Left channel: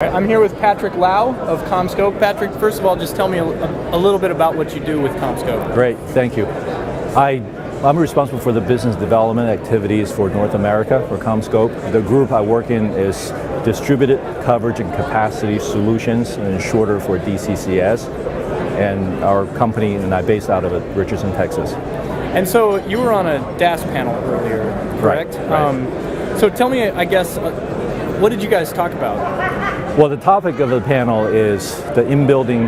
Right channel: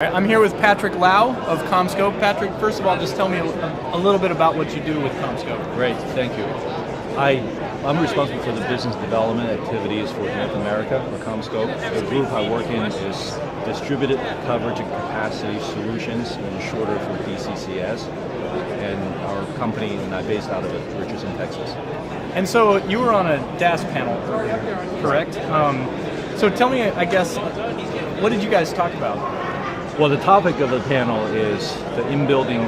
I'm here with Patrick Lau of CommScope. Patrick, first of all, just tell me a little bit about what you do with CommScope. Great, thank you. I'm responsible for the business development activities for North America for CommScope. The group I work in is Distributed Coverage and Capacity Solutions, and shorter for DCCS. And our company and I based out of Richardson, Texas. And so you were on a DAS panel earlier, correct? Right. So tell me, I guess, what did you guys talk about? Well, the topic of the panel is the in-building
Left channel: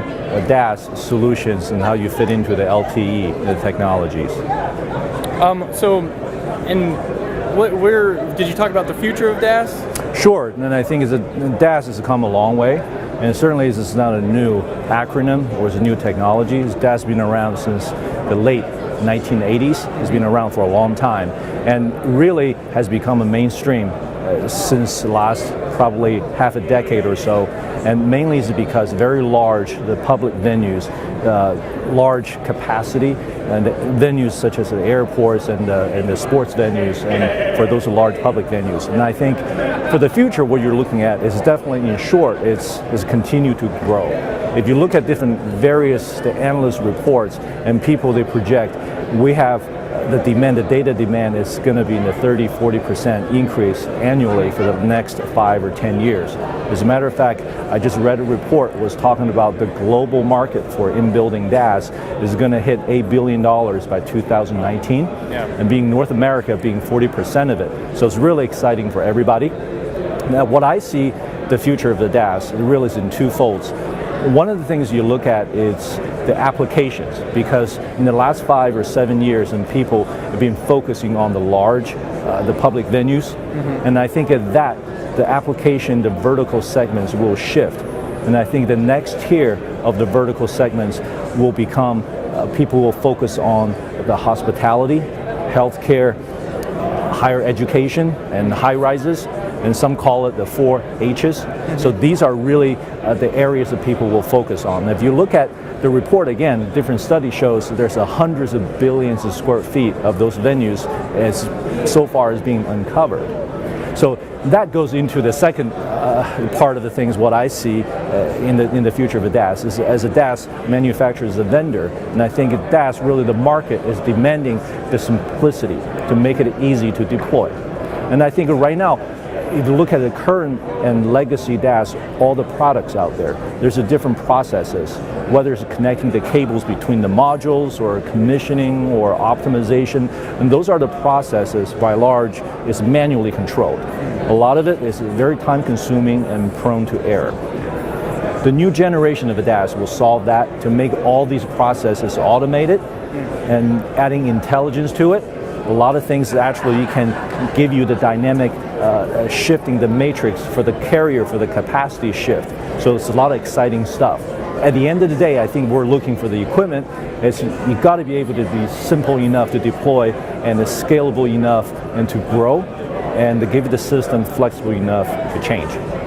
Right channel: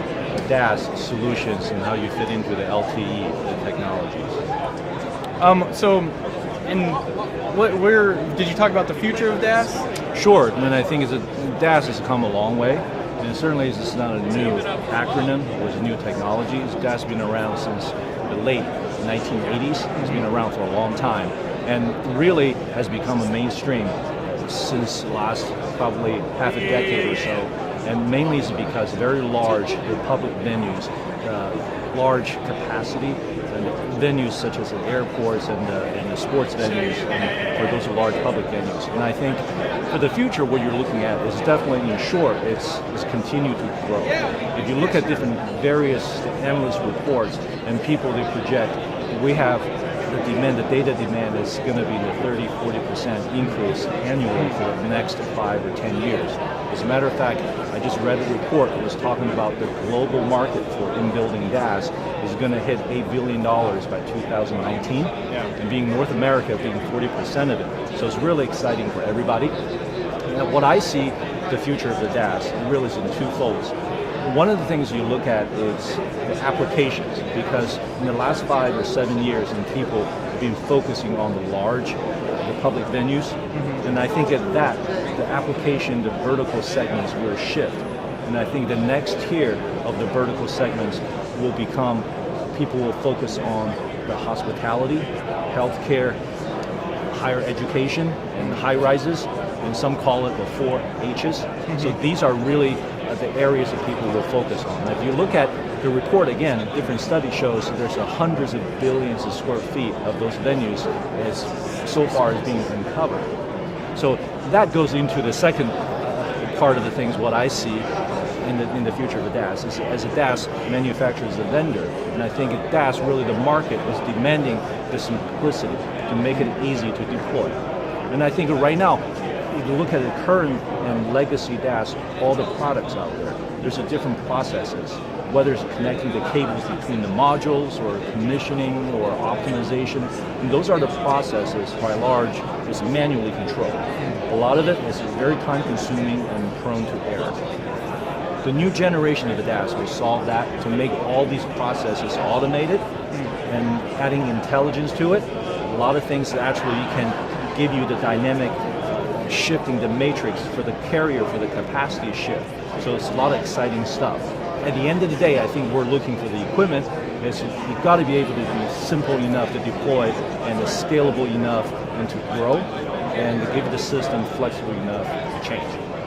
DAS solutions and how you fit into the LTE the technologies. Where did you talk about the future of DAS? Sure, and I think DAS has come a long way, and certainly this is not a new acronym or is a new technology. DAS has been around since the late 1980s. It's been around for a long time, and really has become a mainstream since the last probably half a decade or so, and mainly is because very large the public venues, large capacity, and venues such as the airports and the sports venues, and for those large public venues. And I think for the future, what you're looking at is definitely, in short, is continue to grow. If you look at different various analyst reports and people they project, we have the data demand is going to be in the 30-40% increase annually for the next 5 or 10 years. As a matter of fact, I just read a report that was talking about the global market for in-building DAS is going to hit $8 billion by 2019, and being North America being 40% of it. So it's really exciting for everybody. Now, what I see the future of the DAS really is in two folds. One of the things you look at is the applications, because in the last 5 or 7 years, and people have been focusing on the large, the public venues, and I think at that, the application, the vertical segments will shift. And I think the next tier of the vertical segments will become, people will focus on the hospitality, healthcare, higher education, and high rises, and some call it the 4 H's. So these are really the areas that people will focus on. If you look at the report again, different study shows that there's hundreds of billions of square feet of those venues as so far as being uncovered. So that goes into the second part of the things. What I see in the future of a DAS is, as a DAS manufacturer, as a vendor, and I think at DAS really the market is demanding the simplicity to make it easy to deploy. And I think right now, if you look at the current and legacy DAS, all the products out there, there's a different processes, whether it's connecting the cables between the modules or commissioning or optimization, and those are the processes by large is manually controlled. A lot of it is very time consuming and prone to error. The new generation of the DAS will solve that to make all these processes automated and adding intelligence to it. A lot of things that actually can give you the dynamic shifting the matrix for the carrier for the capacity shift. So it's a lot of exciting stuff. At the end of the day, I think we're looking for the equipment. You've got to be able to be simple enough to deploy and scalable enough and to grow, and to give the system flexible enough to change.